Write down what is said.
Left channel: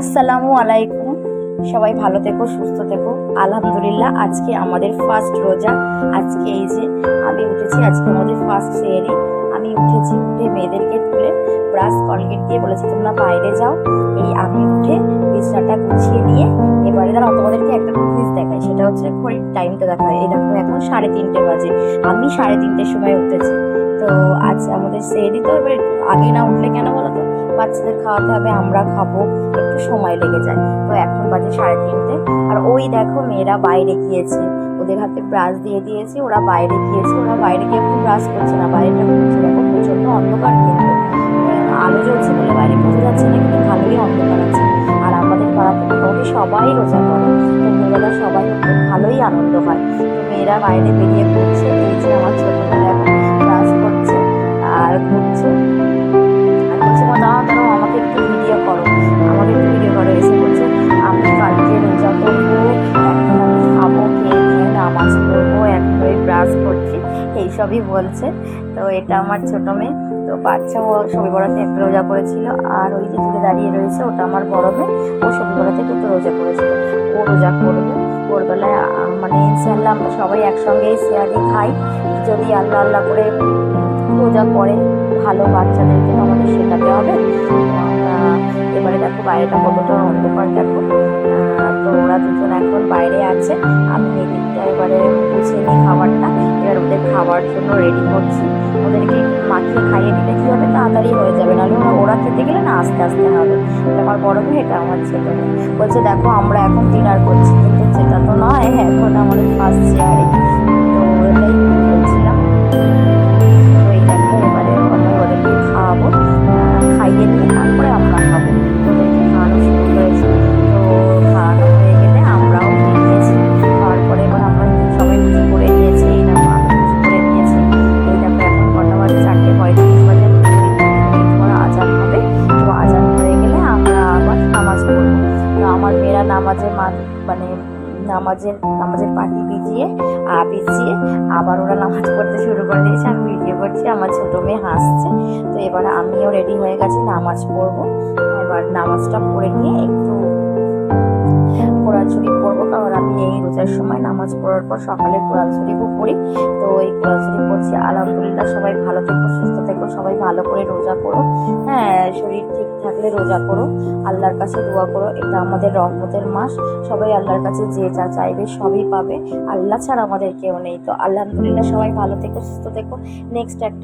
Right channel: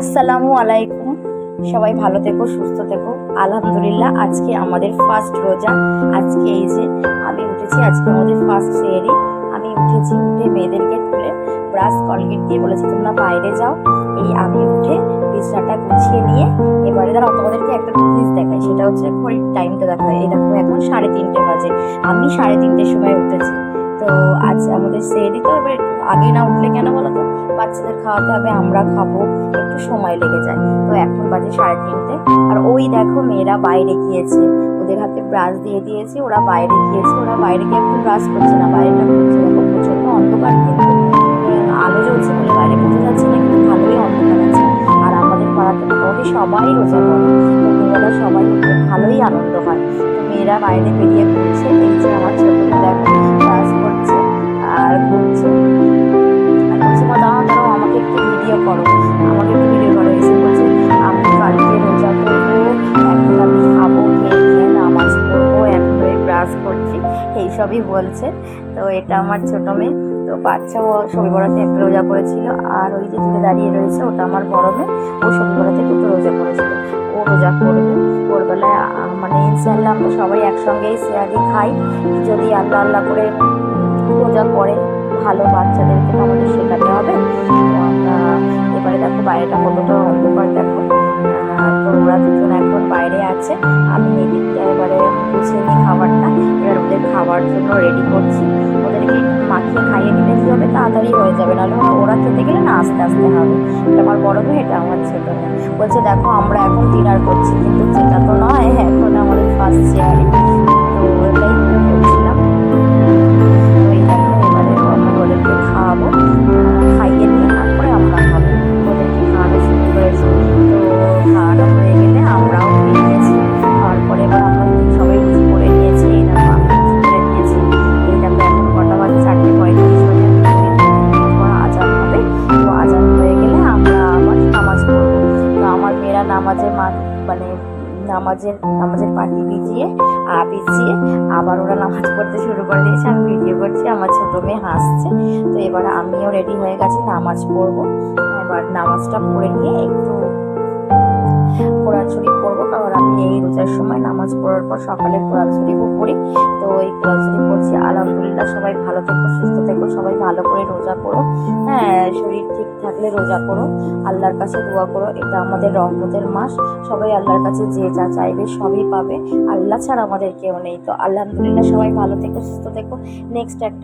আসসালামু আলাইকুম। সবাই ভালো থেকো, সুস্থ থেকো। আলহামদুলিল্লাহ, আজকে আমাদের ফার্স্ট রোজা। আজকে এই যে আমি উঠেছি, আজকে আমাদের ফার্স্ট সেহরি। আমি উঠেছি, উঠে মেয়েদেরকে তুলে ব্রাশ কলগেট দিয়ে বলেছি তোমরা বাইরে যাও। এই আমি উঠে বিছানাটা গুছিয়ে নিয়ে এবারে তোমাদেরকে একটা জিনিস দেখাই, সেটা হচ্ছে ঘড়ির টাইমটা দেখায়। এই দেখো এখন 3:30 বাজে, আমি 3:30-র সময় উঠেছি। তো আজ আমাদের সেহরি, তো এবার একটু আগে না উঠলে কেন বলো তো, বাচ্চাদের খাওয়াতে হবে, আমরা খাবো, একটু সময় লেগে যায়। তো এখন বাজে 3:30। আর ওই দেখো মেয়েরা বাইরে গিয়েছে, ওদের হাতে ব্রাশ দিয়ে দিয়েছি, ওরা বাইরে গিয়েছে। ওরা বাইরে গিয়ে এখন ব্রাশ করছে না, বাইরেটা ঘুরছে। দেখো প্রচন্ড অন্ধকার, কিন্তু আলো জ্বলছে বলে বাইরে বোঝা যাচ্ছে না, কিন্তু ভালোই অন্ধকার আছে। আর আমাদের পাড়াতে মোটামুটি সবাই রোজা করে, তো মেয়েরা সবাই ভালোই আনন্দ হয়। তো মেয়েরা বাইরে বেরিয়ে ঘুরছে। এই যে আমার ছোট মেয়ে দেখো ব্রাশ করছে আর ঘুরছে, আর বলছে মা দাঁড়াও দাঁড়াও, আমাকে একটু ভিডিও করো, আমাকে একটু ভিডিও করো। এসে বলছে আমি কালকে রোজা করবো, এখন আমি খাবো, খেয়ে নিয়ে নামাজ পড়বো, এখন ওই ব্রাশ করছি, এইসবই বলছে। তো এটা আমার ছোট মেয়ে। তো বাচ্চা, ও সবি বরাতে একটা রোজা করেছিল, আর ওই যে দূরে দাঁড়িয়ে রয়েছে ওটা আমার বড় মেয়ে, ও সবি বরাতে দুটো রোজা করেছিল। ও রোজা করবে ভোরবেলায়, মানে ইনশাল্লাহ আমরা সবাই একসঙ্গেই শেয়ারি খাই, যদি আল্লাহ আল্লাহ করে রোজা করে। ভালো বাচ্চাদেরকে তো আমাদের শেখাতে হবে। তো আমরা এবারে দেখো বাইরেটা কতটা অন্ধকার দেখো। তো ওরা দুজন এখন বাইরে আছে, আমি এদিকটা এবারে গুছিয়ে নিই খাবারটা। এবার ওদের খাওয়ার জন্য রেডি করছি। ওদেরকে মাখিয়ে খাইয়ে দিলে কী হবে, তাড়াতাড়ি হয়ে যাবে, নাহলে ওরা খেতে গেলে না আস্তে আস্তে হবে। এটা আমার বড় মেয়ে, এটা আমার ছোটো মেয়ে। বলছে দেখো আমরা এখন ডিনার করছি, কিন্তু সেটা তো নয়, এখন আমাদের ফার্স্ট শেয়ারিং। তো এটাই বলছিলাম। তো এই দেখো এবারে আমি ওদেরকে খাওয়াবো, খাইয়ে নিয়ে তারপরে আমরা খাবো। ওদেরকে খাওয়ানো শুরু করেছি। তো খাওয়ানো হয়ে গেলে আমরাও খেয়ে নিয়েছি। খাওয়ার পরে এবার আমরা সবাই রুটি করে নিয়েছি। এই দেখো আমি রুটি করে নিয়েছি। এই দেখো এখন কটা বাজে, 4:35 বাজে। 2 মিনিট পর আজান হবে। তো আজান হয়ে গেলে আমরা আবার নামাজ পড়বো। তো আমার মেয়েরা মানে নামাজের পাটি ভিজিয়ে আবার ওরা নামাজ পড়তে শুরু করে দিয়েছে। আমি ভিডিও করছি, আমার ছোটো মেয়ে হাসছে। তো এবার আমিও রেডি হয়ে গেছি, নামাজ পড়বো। এবার নামাজটা পড়ে নিয়ে একটু কোরআন শরীফ পড়বো, কারণ আমি এই রোজার সময় নামাজ পড়ার পর সকালে কোরআন শরীফও পড়ি। তো এই কোরআন শরীফ পড়ছি। আলহামদুলিল্লাহ, সবাই ভালো থেকো, সুস্থ থেকো, সবাই ভালো করে রোজা করো। হ্যাঁ, শরীর ঠিক থাকলে রোজা করো, আল্লাহর কাছে দোয়া করো। এটা আমাদের রহমতের মাস, সবাই আল্লাহর কাছে যে যা চাইবে সবই পাবে। আল্লাহ ছাড়া আমাদের কেউ নেই। তো আলহামদুলিল্লাহ, সবাই ভালো থেকো, সুস্থ থেকো। নেক্সট একটা